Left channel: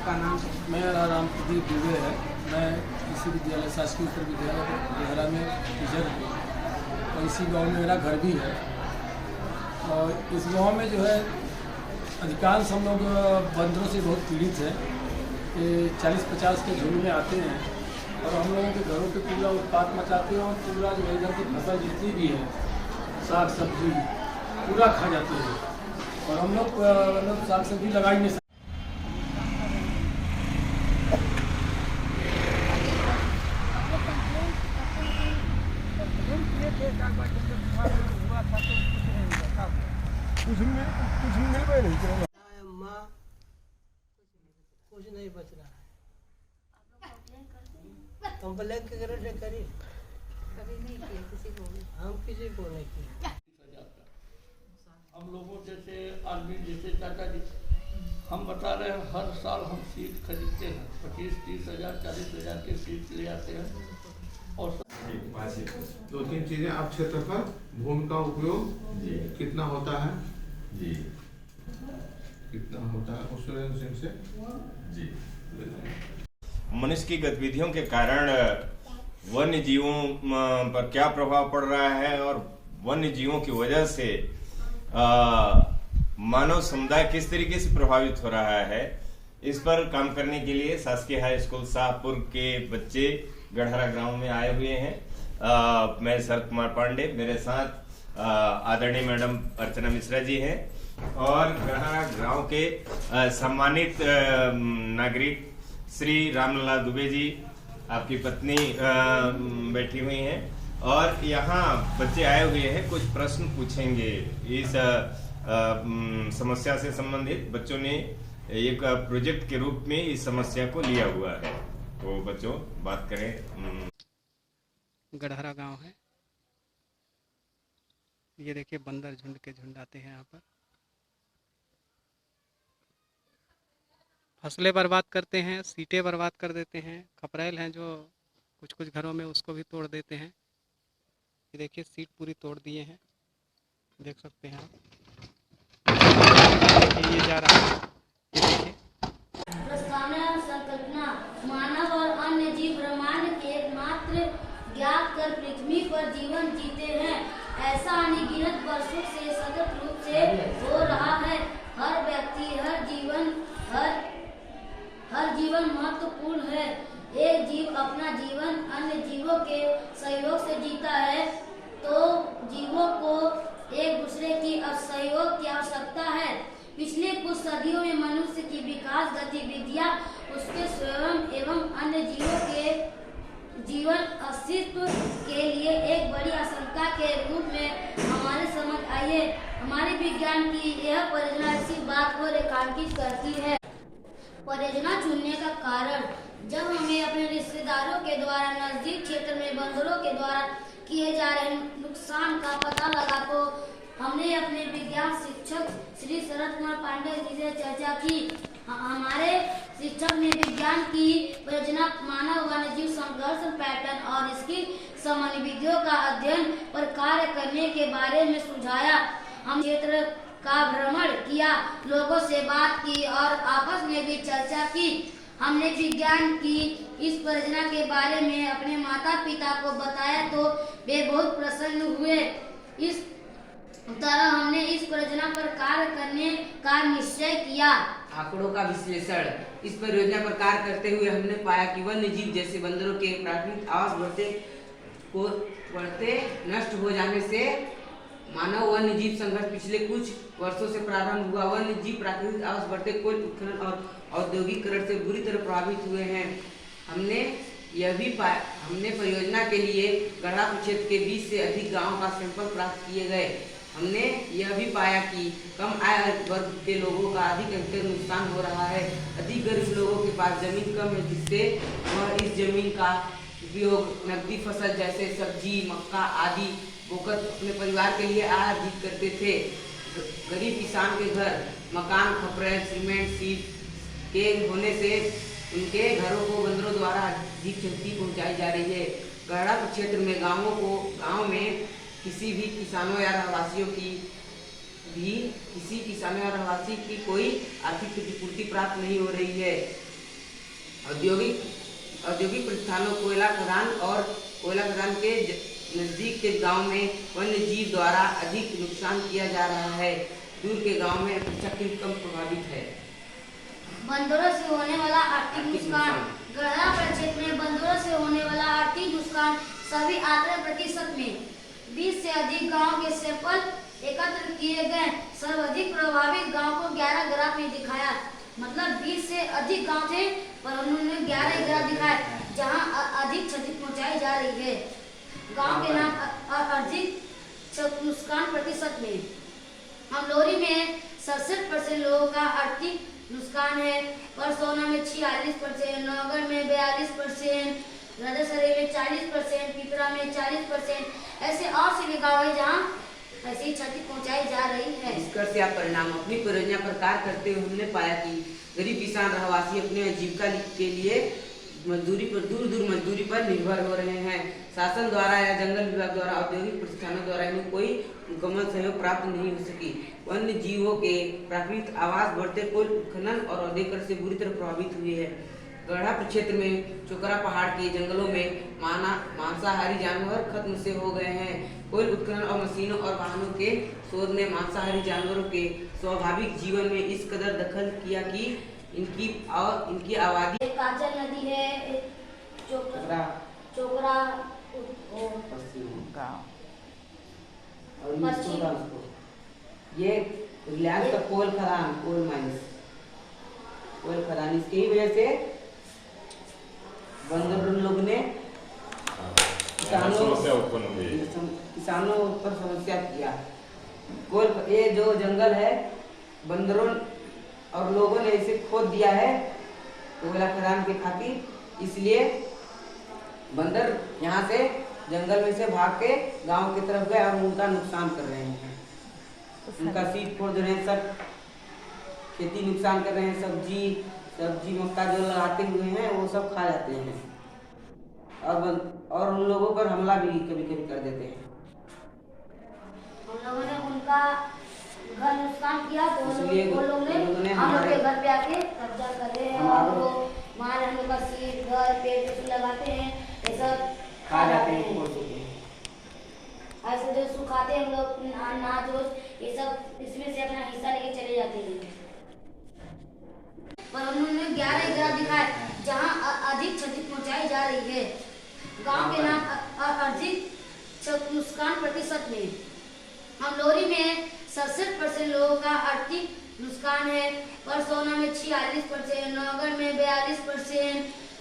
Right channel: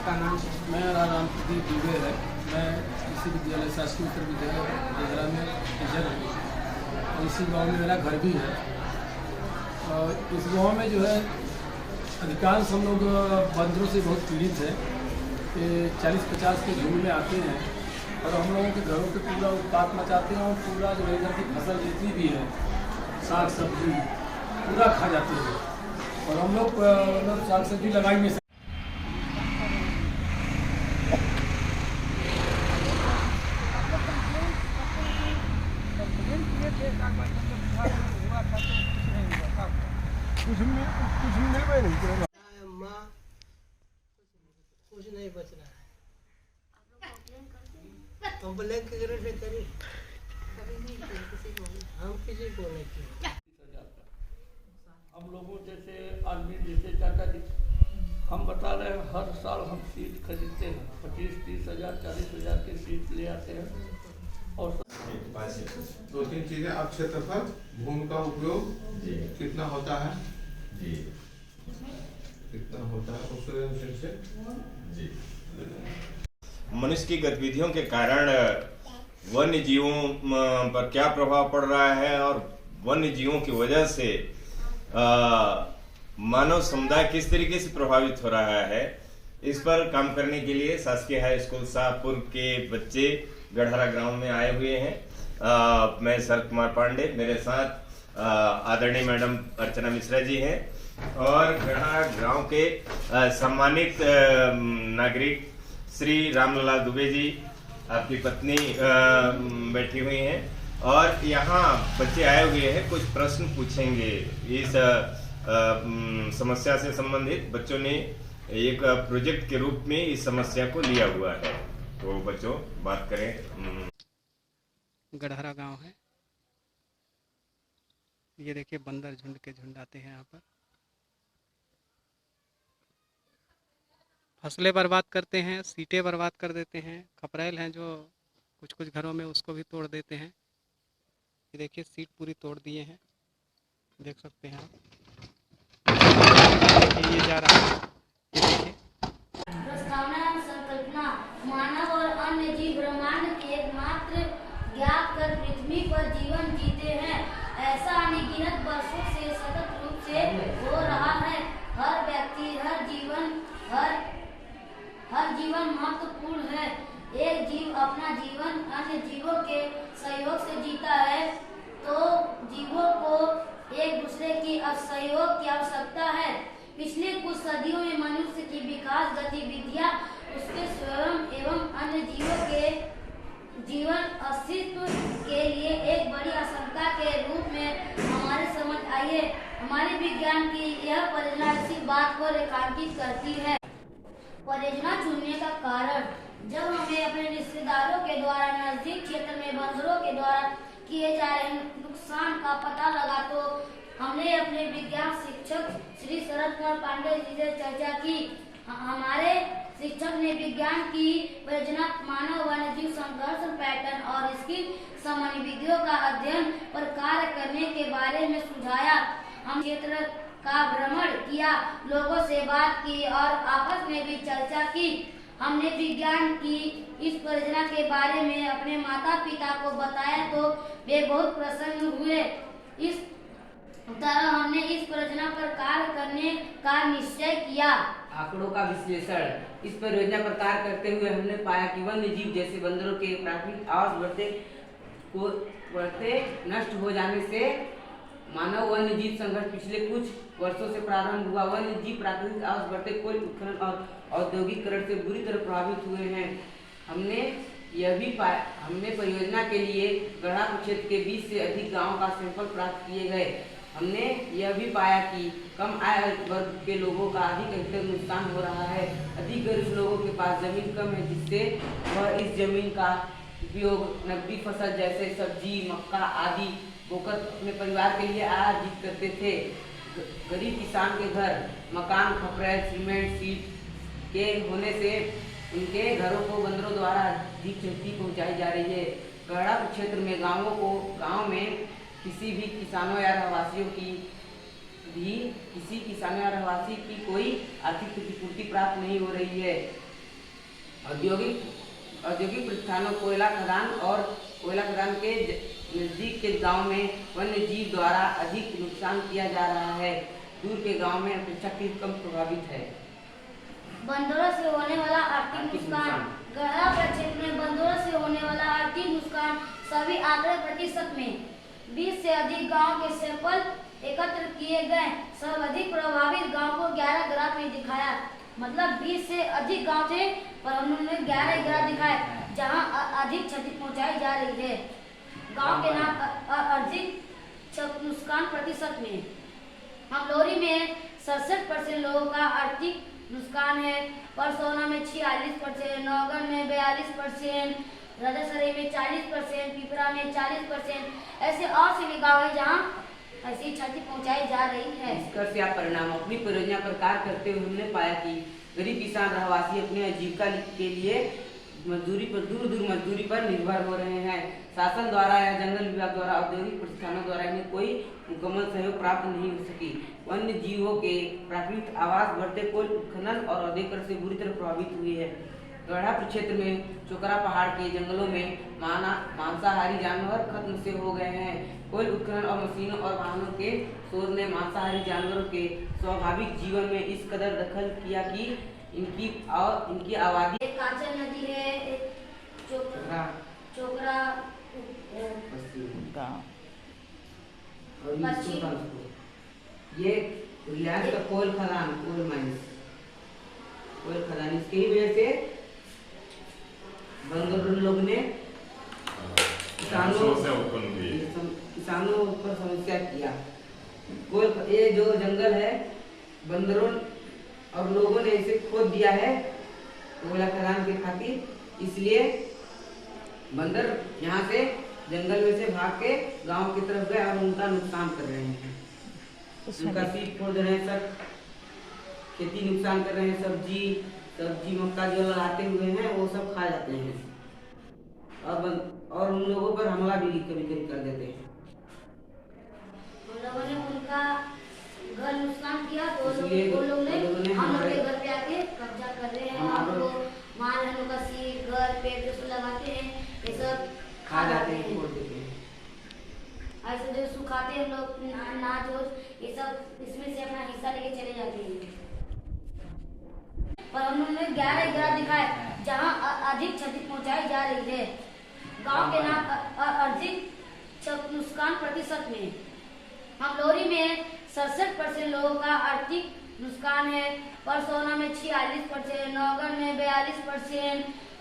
आपका नाम? मेरा नाम प्रदीप दुबे है। मैं कृषि विद्यालय शासकीय उत्तर विद्यालय गहरा में टीचर हूँ और इसी गांव में मेरा घर भी है। और इस गांव में जो है अधिकांश हम लोग बंदरों से बहुत पीड़ित है। 40-50 के झुंड में आते हैं और हम लोगों के घरों पे पूरा उत्पात मचाते हैं और पूरा जो इधर की फसल जितनी भी है साग सब्जी पूरा खा जाती है। और हम लोग मतलब साग सब्जी लगा ही नहीं सकते। कुछ नहीं बच रहा है। कंप्लेन के कारण से करी हम किसी को नहीं किए। हम लोगों जैसे आदमी जैसे चाचा जी हम बता रहे हैं, हर साल हम सीट खरीदते हैं 25-30 हज़ार 40 हज़ार के सीट ले आते हैं। और 2-3 चीजें अब क्षेत्रफल भूमि का उपयोग कितना होता है जी, कितना होता है उस से जी। मनुष्य की गतिविधियों के कारण वन्य जीवों पर क्या प्रभाव पड़ रहा है और वन्य जीवों की वजह से मानव समुदाय किस तरीके से प्रभावित हो रहा है, इस पर काम करने के लिए शासकीय हाई स्कूल शाहपुर के बच्चे गढ़हरा ग्राम में आए हुए हैं। मैं शरद कुमार पांडे, मेरे साथ आदरणीय मैडम अर्चना मिश्रा जी हैं और गढ़हरा गांव के सम्मानित नागरिक श्री रामलला दुबे जी, आपकी पत्नी बैठी हुई हैं और यहाँ बच्चे आए हुए हैं। कुछ प्रश्न पूछेंगे इस समस्या से संबंधित। बच्चों ने एक प्रोजेक्ट के रूप में इस समस्या को लिया हुआ है, तो बच्चों बात करें। गढ़हरा गांव है, ये देखिए बंदर झुंड के झुंड आते हैं यहाँ पर, फसलें बर्बाद करते हैं, सीटें बर्बाद कर देते हैं। खपरेल हैं जो कुछ कुछ घरों में उसको भी तोड़ देते हैं। ये देखिए सीट पूरी तोड़ दिए हैं, देख सकते हैं आप। ये जा रहा है, ये देखिए। संकल्पना मानव और अन्य जीव ब्रह्मांड के एकमात्र ज्ञात कर पृथ्वी पर जीवन जीते हैं। ऐसा अनगिनत वर्षों से सतत रूप से हो रहा है। हर व्यक्ति हर जीवन महत्वपूर्ण है। एक जीव अपना जीवन अन्य जीवों के सहयोग से जीता है, तो जीवों को एक दूसरे की सहयोग की आवश्यकता है। पिछले कुछ सदियों में मनुष्य की विकास गतिविधियां उसके स्वयं एवं अन्य जीवों के जीवन अस्तित्व के लिए एक बड़ी आशंका के रूप में हमारे समझ आई है। हमारे विज्ञान की यह परियोजना इसी बात को रेखांकित करती है। परियोजना चुनने का कारण, जब हमें अपने रिश्तेदारों के द्वारा नजदीक क्षेत्र में बंदरों के द्वारा किए जा रहे नुकसान का पता लगा, तो हमने अपने विज्ञान शिक्षक श्री शरद कुमार पांडे जी से चर्चा की। हमारे शिक्षक ने विज्ञान की परियोजना मानव वन्यजीव संघर्ष पैटर्न और इसकी सामान्य विधियों का अध्ययन पर कार्य करने के बारे में सुझाया। हम क्षेत्र का भ्रमण किया, लोगों से बात की और आपस में भी चर्चा की। हमने विज्ञान की इस परियोजना के बारे में अपने माता पिता को बताया तो वे बहुत प्रसन्न हुए। इस तरह हमने इस परियोजना पर कार्य करने का निश्चय किया। आंकड़ों का विश्लेषण। इस परियोजना पर कार्य करते हुए हमने पाया कि वन्य जीव जैसे बंदरों के प्राकृतिक आवास बढ़ते नष्ट हो जाने से मानव वन्य जीव संघर्ष पिछले कुछ वर्षों से प्रारंभ हुआ। वन्य जीव प्राकृतिक आवास बढ़ते कोल उत्खनन और औद्योगिकरण से बुरी तरह प्रभावित हुए हैं। हमने यह भी पाया, हमने परियोजना के लिए गढ़ा क्षेत्र के 20 से अधिक गांवों का सैंपल प्राप्त किए गए। हमने यह भी पाया कि कम आय वर्ग के लोगों का अधिक नुकसान हो रहा है। अधिक गरीब लोगों के पास जमीन कम है, जिससे वह इस जमीन का उपयोग नकदी फसल जैसे सब्जी, मक्का आदि बोकर अपने परिवार के लिए आय अर्जित करते थे। गरीब किसान के घर मकान, खपरेल, सीमेंट, सीट के होने से उनके घरों को बंदरों द्वारा अधिक क्षति पहुँचाई जा रही है। गढ़ा क्षेत्र में गाँव में किसी किसानों या रहवासी की कोई आर्थिक क्षतिपूर्ति प्राप्त नहीं हो रही है। औद्योगिक प्रतिष्ठानों, कोयला खदान के नजदीक के गांव में वन्य जीव द्वारा अधिक नुकसान किया जा रहा है। दूर के गांव में अपेक्षाकृत कम प्रभावित है। बंदरों से होने वाला आर्थिक नुकसान। गढ़ा प्रक्षेत्र में बंदरों से होने वाला आर्थिक नुकसान सभी आंकड़े प्रतिशत में 20 से अधिक गांव के सैंपल एकत्र किए गए। सर्वाधिक प्रभावित गांव को 11 ग्राफ में दिखाया, मतलब 20 से अधिक गांव थे पर उन्होंने 11 ग्राफ दिखाए जहां अधिक क्षति पहुंचाई जा रही है। गांव के नाम अधिक नुकसान प्रतिशत में हमलोरी में 67% लोगों का आर्थिक नुकसान है, परसौना में 46%, नौगढ़ में 42%, राधासरी में 40%, पिपरा में 40%। ऐसे और सभी गाँव है जहाँ ऐसी क्षति पहुँचाई जा रही है। इसका से आप परिणाम अपनी परियोजना पर कार्य करते हुए हमने पाया कि गरीब किसान रहवासी अपने आजीविका के लिए दूर मजदूरी पर निर्भर हो रहे हैं। शासन द्वारा या जंगल विभाग द्वारा, औद्योगिक प्रतिष्ठानों द्वारा इन्हें कोई मुकम्मल सहयोग प्राप्त नहीं हो सकी। वन्य जीवों के प्राकृतिक आवास बढ़ते कोल उत्खनन और औद्योगिकरण से बुरी तरह प्रभावित हुई है। गढ़ा क्षेत्र में चोकरा पहाड़ के जंगलों में मांसाहारी जानवर खत्म से हो गए हैं। कोल उत्खनन और मशीनों और वाहनों के शोध ने मांसाहारी जानवरों के स्वाभाविक जीवन में इस कदर दखल किया कि इनकी आबादी। एक काजल नदी है, चोकरा ये रिलायंस का कोल खदान इसकी वजह से बंदर लोग ने किसानों पर समस्या किया। ये जो जंगल है बंदरों और लोगों ने इसे खोद दिया है कोयला खदान के खातिर, इसलिए बंदर यहाँ से जंगल में से भाग के गांव की तरफ गए और उनका नुकसान कर रहे हैं। उनका सीट फोड़ दे रहे हैं, सब खेती नुकसान कर रहे हैं। सब्जी मक्का जो लगाते हुए हैं वो सब खा जाते हैं और उन लोगों पर हमला भी कभी कभी कर देते हैं। उन लोगों ने उनका घर नुकसान किया तो वो लोग ने हम लोग के घर पे आके कब्जा कर रहे हैं और वो मार हम लोग का सीट घर पेड़ पे लगाते हैं, ये सब खा जाते हैं। ऐसे जो सुखाते हम लोग अनाज ये सब इसमें से अपना हिस्सा लेके चले जाते हैं। और उन्होंने 11 ग्राफ दिखाए जहाँ अधिक क्षति पहुँचाई जा रही है। गांव के नाम अधिक नुकसान प्रतिशत में हमलोरी में 67% लोगों का आर्थिक नुकसान है, परसौना में 46%, नौगढ़ में 42%,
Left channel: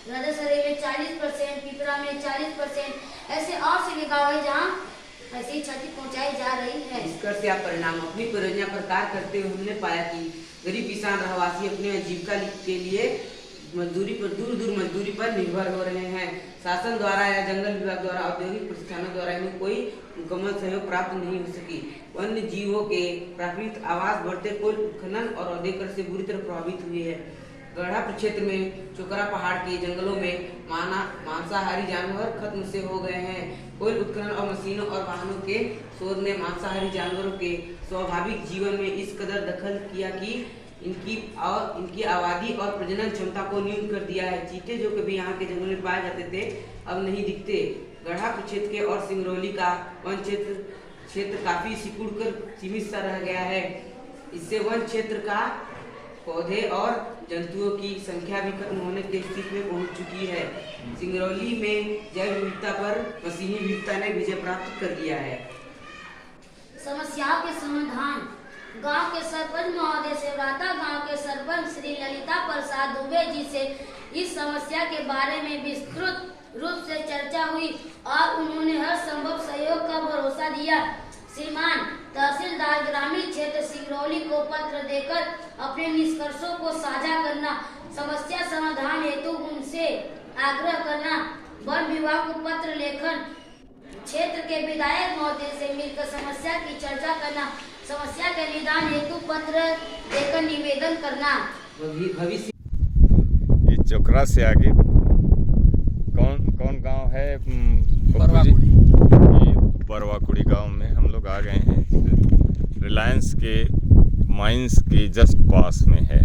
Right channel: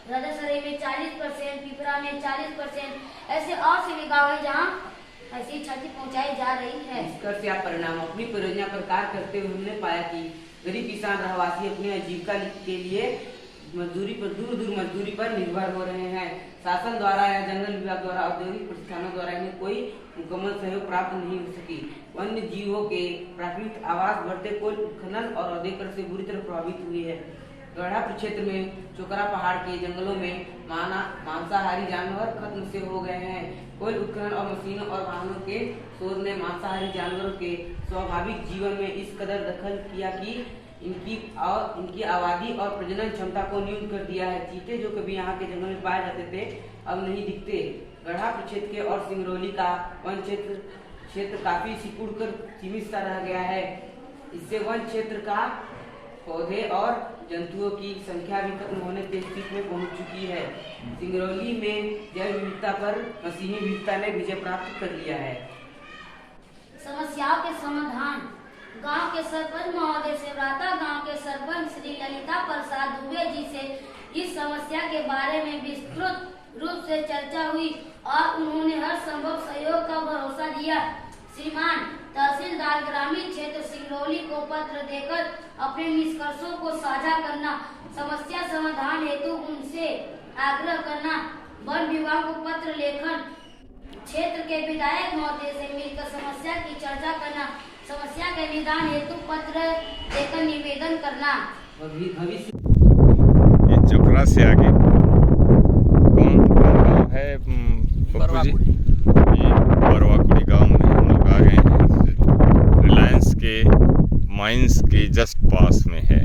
राधासरी में 40%, पिपरा में 40%। ऐसे और सभी गाँव है जहाँ ऐसी क्षति पहुँचाई जा रही है। इसका से आप परिणाम अपनी परियोजना पर कार्य करते हुए हमने पाया कि गरीब किसान रहवासी अपने आजीविका के लिए दूर मजदूरी पर निर्भर हो रहे हैं। शासन द्वारा या जंगल विभाग द्वारा, औद्योगिक प्रतिष्ठानों द्वारा इन्हें कोई मुकम्मल सहयोग प्राप्त नहीं हो सकी। वन्य जीवों के प्राकृतिक आवास बढ़ते कोल उत्खनन और औद्योगिकरण से बुरी तरह प्रभावित हुई है। गढ़ा क्षेत्र में चोकरा पहाड़ के जंगलों में मांसाहारी जानवर खत्म से हो गए हैं। कोल उत्खनन और मशीनों और वाहनों के शोध ने मांसाहारी जानवरों के स्वाभाविक जीवन में इस कदर दखल किया कि इनकी आबादी और प्रजनन क्षमता को न्यून कर दिया है। चीते जो कभी यहाँ के जंगल में पाए जाते थे अब नहीं दिखते। गढ़ा क्षेत्र के और सिंगरौली का वन क्षेत्र काफी सिकुड़ कर सीमित सा रह गया है। इससे वन क्षेत्र का पौधे और जंतुओं की संख्या भी खत्म होने की स्थिति में पहुंच चुकी है। सिंगरौली में जैव विविधता पर मशीनी विविधता ने विजय प्राप्त कर लिया है। समस्याओं के समाधान। गांव के सरपंच महोदय से गांव के सरपंच श्री ललिता प्रसाद दुबे जी से इस समस्या के बारे में विस्तृत रूप से चर्चा हुई और उन्होंने हर संभव सहयोग का भरोसा दिया। श्रीमान तहसीलदार ग्रामीण क्षेत्र सिंगरौली को पत्र देकर अपने निष्कर्षों को साझा करना, समस्या समाधान हेतु उनसे आग्रह करना, वन विभाग को पत्र लेखन, क्षेत्र के विधायक महोदय से मिलकर समस्या की चर्चा करना, समस्या के निदान हेतु पत्र लेकर निवेदन करना। ये चोकरा से आगे कौन गाँव है पप्पू जी? बरवाकुड़ी गांव में हम लोग आ गए हैं। रिलायंस के माइंस के जस्ट पास में है।